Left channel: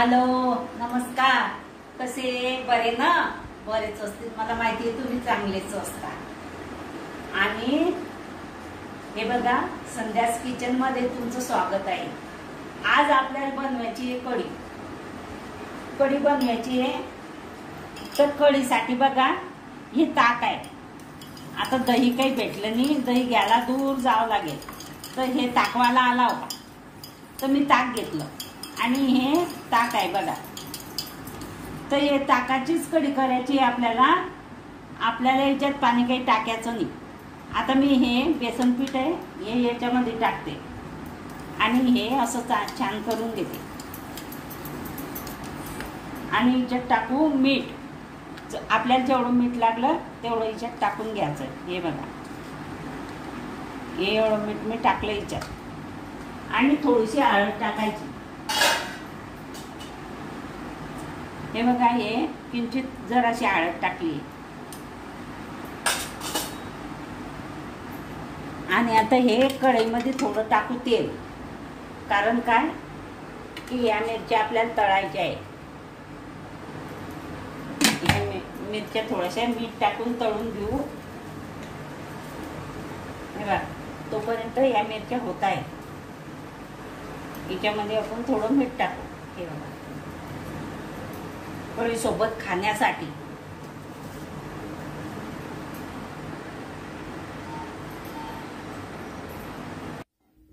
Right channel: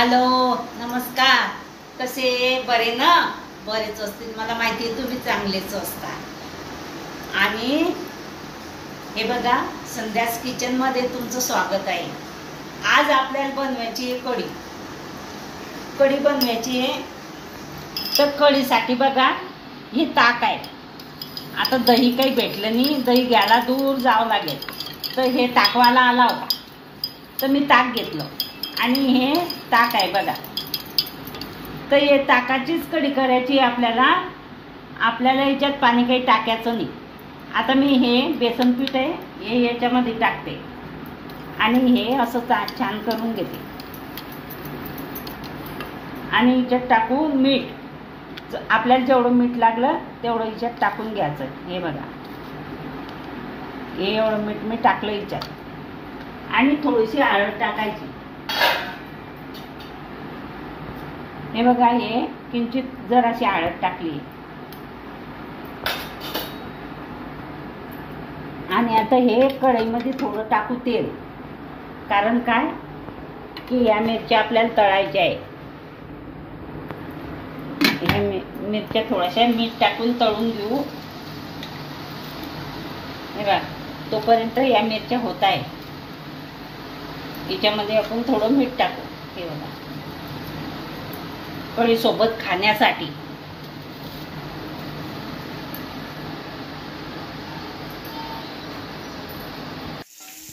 Hello नमस्कार. कसे बरे ना? बरेच असतील, मला माहिती आहे तुम्ही चांगलेच असता. आणि हे बघा, संध्यास किचन मध्ये तुमचं स्वागत आहे. आज आपल्याला बनवायची आहे कढी बनवायची आहे. तर कढीसाठी बघा, ही ताक आहे. आता दही काही भेटलं नाही, दही घ्यायला दूर जावं लागेल. तर हे ताकवाला आला होता, तर मी ताक घेतलं आणि हे ताक आहे बघा. तर हे ताकाचीच कढी करायची आपल्याला. याच्यात पाणी काही टाकायचं नाही. आता मी हे बेसन पीठ आहे, हे याच्यामध्ये टाकते आणि हे असं छान करून घेते. आणि याच्यात टाकू मीठ. आपल्याला जेवढं मीठ लागलं तेवढं याच्यात टाकून घ्यायचं. हे बघा, हे एवढं मीठ मी टाकलं याच्यात. आणि थोडीशी हळद टाकायची. हे बघा, हे किंचित जराशी हळद टाकली. आणि आता हे कढईमध्ये थोडं टाकू तेल. कारण काय की या मिरच्या आपल्याला तळायच्या आहे. ह्या मिरच्या थोड्याशा मीठ टाकून तळून घेऊ. हे बघा, तोपर्यंत या मिरच्या होत आहे. याच्यामध्ये आपण थोडं मीठ टाकू. हे बघा, कढी सोबत खाण्यासाठी.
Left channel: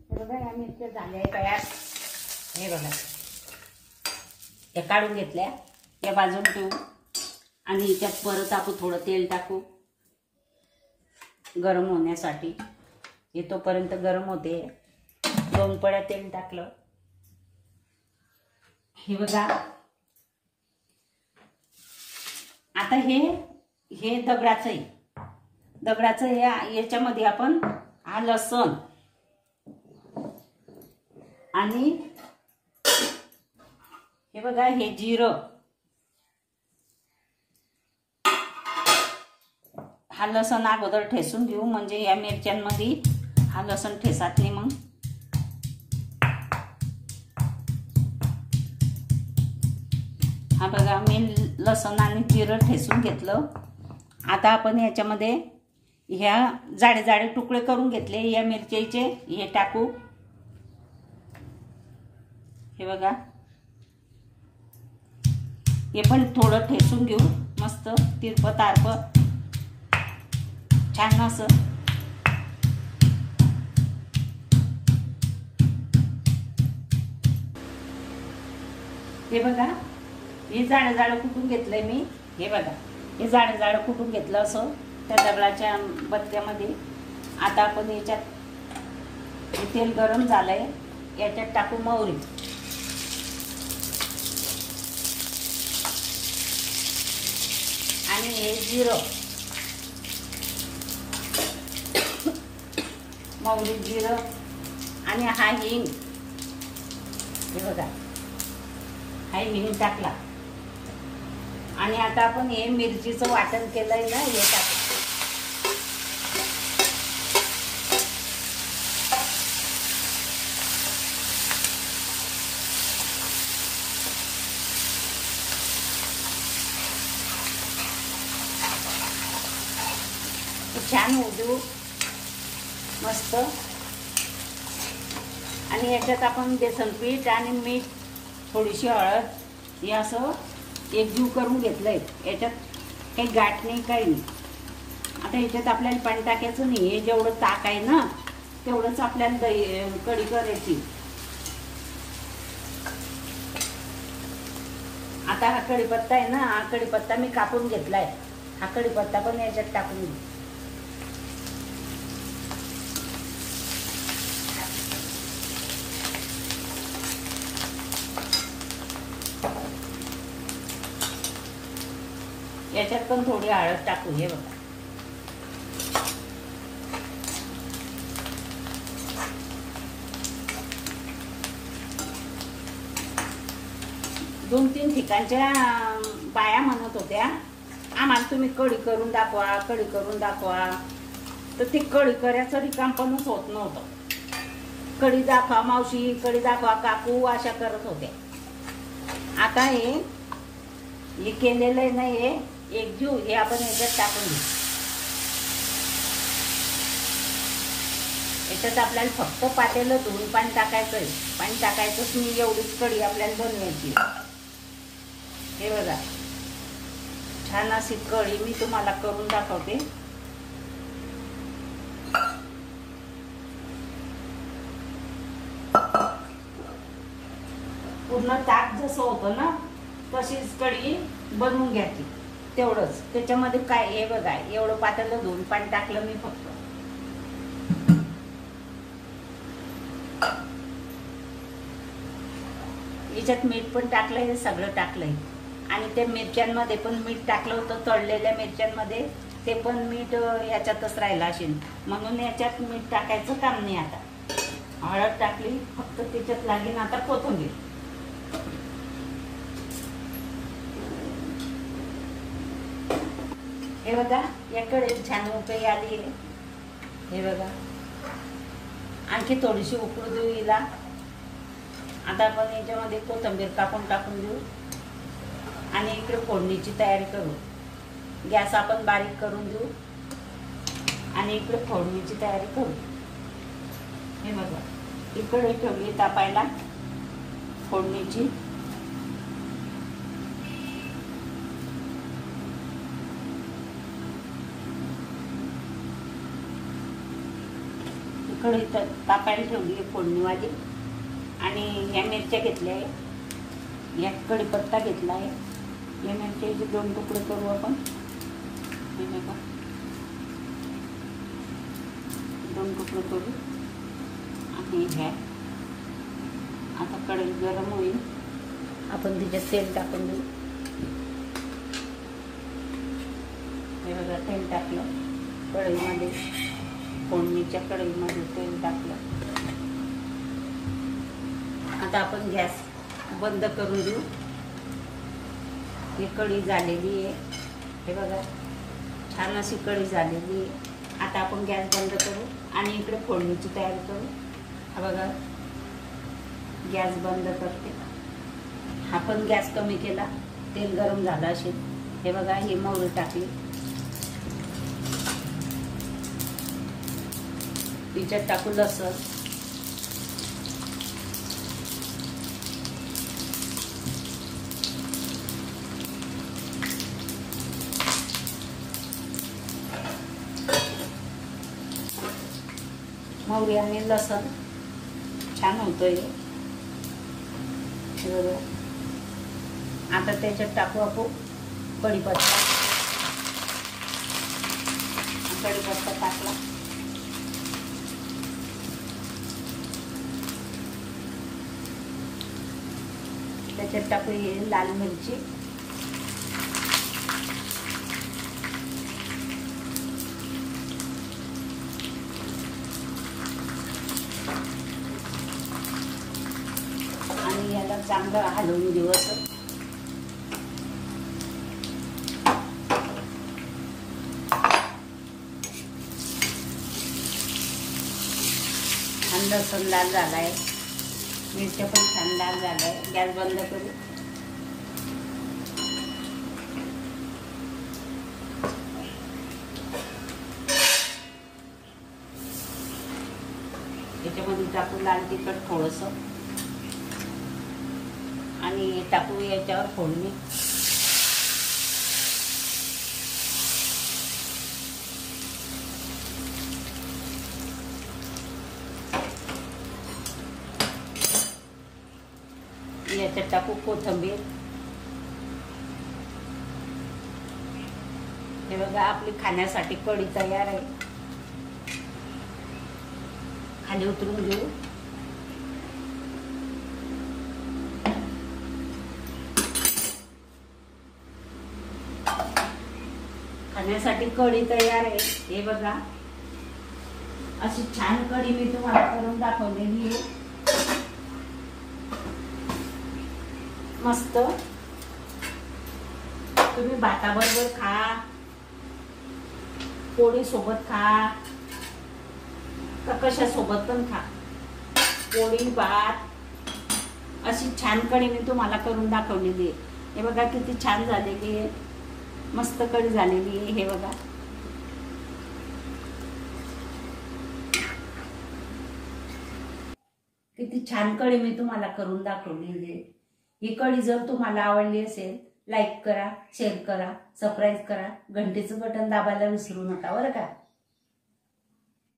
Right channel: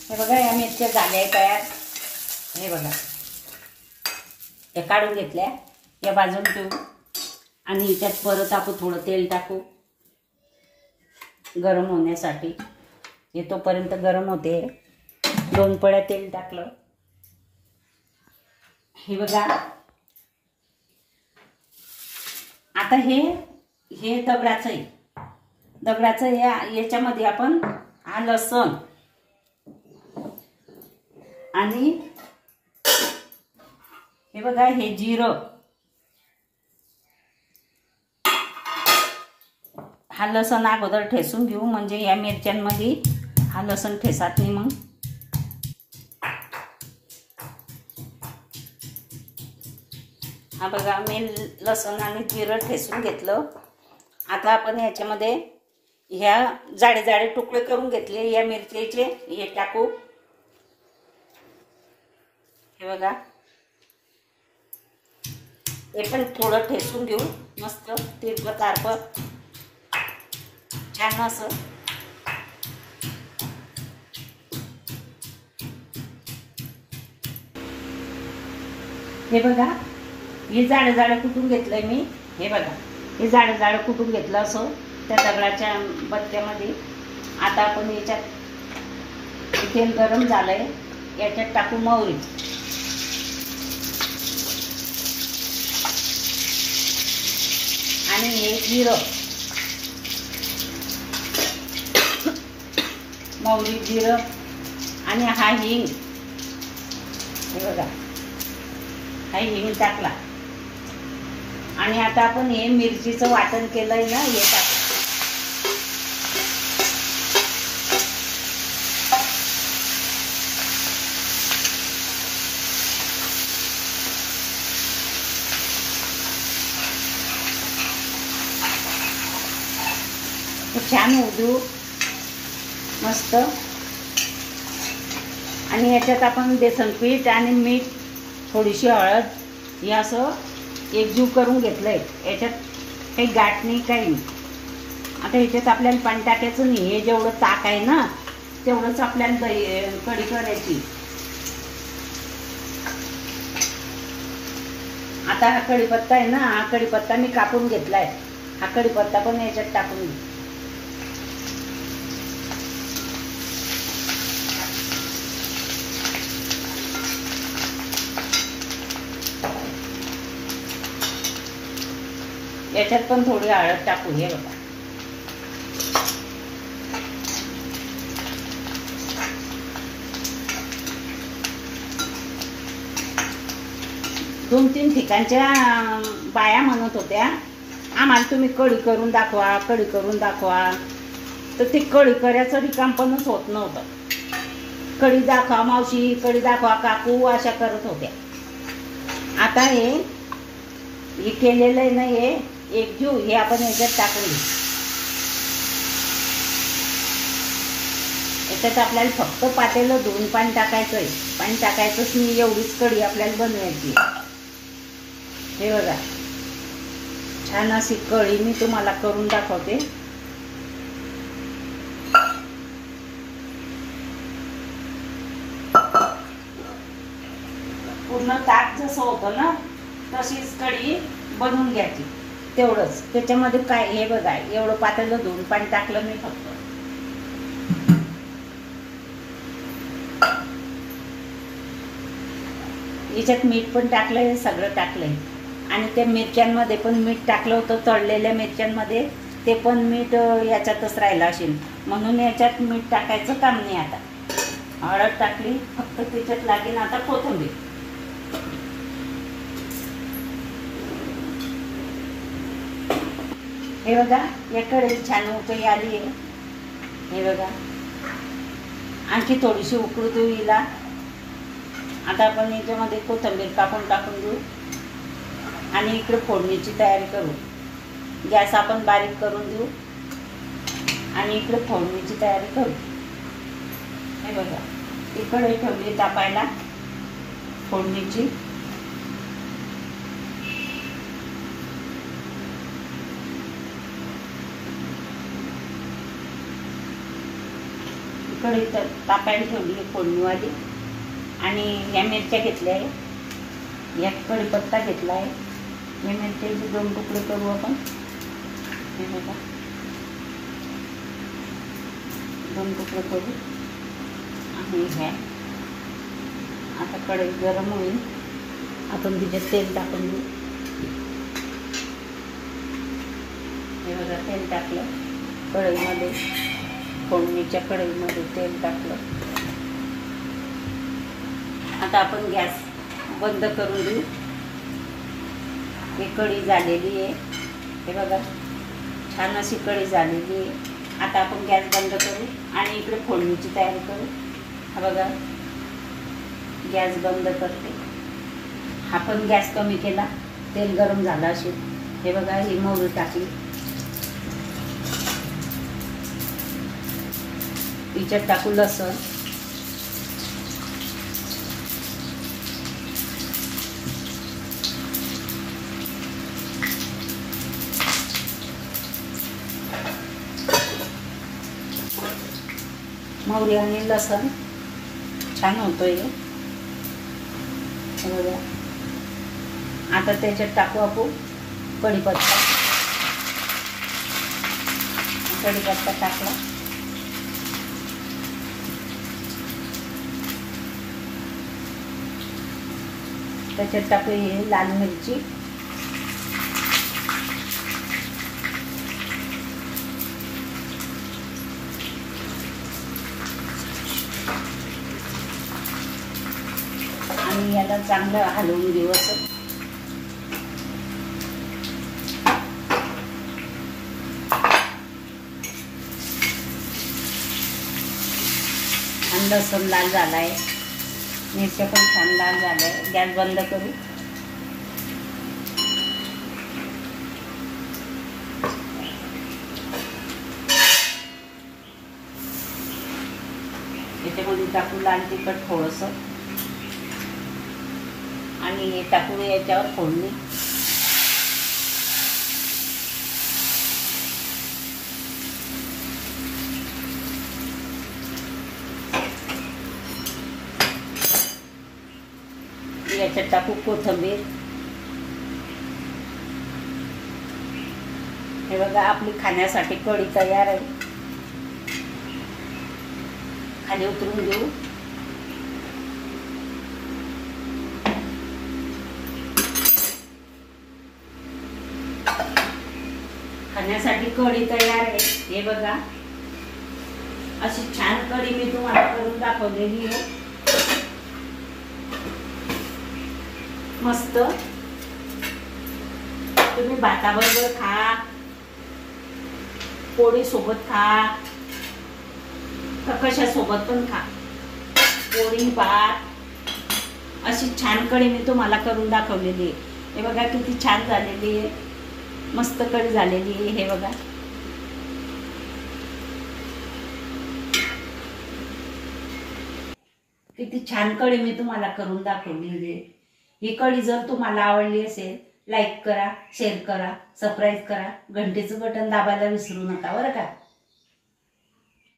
हे बघा, या मिरच्या झाल्या तयार. हे बघा, या काढून घेतल्या, या भाजून ठेवू. आणि याच्यात परत आपण थोडं तेल टाकू गरम होण्यासाठी. हे तोपर्यंत गरम होते. 2 पळ्या तेल टाकलं. हे बघा, आता हे दगडाचं आहे. दगडाचं याच्यामध्ये आपण हा लसूण आणि हे बघा, हे जिरं, हा लसूण अगोदर ठेसून घेऊ. म्हणजे या मिरच्यांमध्ये हा लसूण ठेसात नाही. मग हा बघा, मी लसूण आणि जिरं ठेसून घेतलं. आता आपण याच्यामध्ये ह्या जाडे जाडे तुकडे करून घेतले या मिरचीचे, हे टाकू. हे बघा, हे पण थोडं ठेसून घेऊ. मस्त तिरपं तारपं छान असं. हे बघा, हे जाडं जाडं कुटून घेतलंय मी. हे बघा, हे जाडं जाडं कुटून घेतलं असं त्या दगडाच्या बत्त्यामध्ये. आता आपण याच्यात तेल गरम झालंय, याच्यात टाकू मोहरी. आणि हे जिरं, मोहरी जिरं आणि हा हिंग. हे बघा, हा हिंग टाकला. आणि आता आपण हे मिरचीचं वाटण केलंय ना, हे टाकू. छान उजू मस्त. आणि याच्यात आपण बेसन पीठ आणि मीठ, थोडीशी हळद, हे असं एकजीव करून घेतलंय. याच्यात काही गाठ नाही, काही नाही. आता याच्यात आपल्याला पाणी टाकायचं नाही. हे जेवढं ताक आहे ना, तेवढंच आपल्याला कढी करायची. आता हा कढीपत्ता आहे ना, हा कढीपत्ता मी कापून घेतलाय. हा कढीपत्ता पण याच्यात टाकून घेऊ. याच्यात पण थोडी हळद टाकू. हे बघा, दोन तीन ठिकाणच्या बाया म्हणत होत्या, आम्हाला तुम्ही कढी करून दाखवा, कढी करून दाखवा. तर ती कढी करायचं रिकामपणच होत नव्हतं. कढी दाखवा मावशी, कढी दाखवा काकू, अशा करत होत्या. आता हे केलेलं आहे ना, हे एकजीव हे आपण याच्यात टाकून घेऊ. याच्यात आपल्याला फक्त पातेलं धुवून पाणी टाकायचं आहे. पाणी टाकायचंच नाही, एवढीच कढी आपल्याला बनवायची. हे बघा, छान अशी कढी मी तुम्हाला करून दाखवते. पूर्ण ताक जसं होतं ना तशीच कढी बनवून घ्यायची. तेवढंच त्याच्यामध्ये काय, हे बघा एवढं पातेलं धुवून पाणी टाकलं मी फक्त. याच्यात मीठ पण टाकलंय, सगळं टाकलंय. आणि त्या मिरच्यांमध्ये पण मीठ टाकलं होतं, तळलेल्या मिरच्यांमध्ये ते पण मीठ याच्यातच राहिलं असेल, म्हणून याच्यात मीठ टाकायचं काम नाही. आता हळद टाकली, फक्त त्याच्यात लागेल आता कोथिंबीर. हे बघा, याकडे छान उकळी आली आहे. हे बघा, आणखी थोडीशी उकळू देऊ हिला. आता आपण याच्यामध्ये कोथिंबीर कापून टाकून देऊ आणि इकडे फोडणीची तयारी करू. गॅस आपण बारीक करून देऊ आणि इकडे फोडणीची तयारी करू. हे बघा, इकडे ठेवली तापायला फोडणीची. इकडे तापायला ठेवली फोडणीवाली. आणि या मिरच्या घेतल्या आहे, या कढीपत्ता घेतला आहे. या मिरच्याचे 2 तुकडे करू आपण. हे बघा, 2 तुकडे करू. आणि ह्या आता कढई गरम होईल, आपण तिच्यात तेल टाकून देऊ. हे बघा, तेल टाकलं कढईमध्ये, फोडणीच्या कढईमध्ये तेल टाकलं. आता आपण गॅस बंद करून देऊ. ही कढी झालेली आहे. हे बघा, छान अशी कढी झालेली आहे. आता आपण गॅस बंद करू आणि इकडे फोडणीची तयारी करू. हा बघा, गॅस बंद करते. हा पण गॅस कमी केला, तेल गरम झालं असेल. हे बघा, ही मोहरी टाकली. तिच्यात टाकू लसूण. मोहरी आणि लसूण छान होतोय. आता त्याच्यात टाकू आपण कढीपत्ता. कढीपत्ता टाकला. त्याच्यात टाकू लाल मिरची. आणि याला चांगलं हलवून देऊ असं. आणि लसूण लाल झालाय, मिरच्या पण छान लाल झालाय. गॅस बंद करू. याच्यामध्ये टाकू लाल तिखट थोडंसं आणि टाकू याच्यावर फोडणी. याच्यात टाकू कोथिंबीर. हे बघा, आपली खाण्यासाठी कढी तयार आहे. खाली उतरून घेऊ. खाण्यासाठी कढी तयार आहे. हे बघा, अशी छान कढी मी तुम्हाला करून दाखवलेली आहे. मस्त. तुम्ही भाताबरोबर खा, पोळी सोबत खा, तर कशा सोबत पण खा. पोळी भात अशी छान कढी मी तुम्हाला करून दाखवलेली आहे. हे बघा किती छान झालेली आहे, मस्त कढी झालेली आहे. हे बघा किती छान कढी मी तुम्हाला करून दाखवलेली आहे. ही कढी जर तुम्हाला आवडली असेल, लाईक करा, शेअर करा, सबस्क्राईब करा, घंटेचं बटन दाबायला विसरू नका बरं का.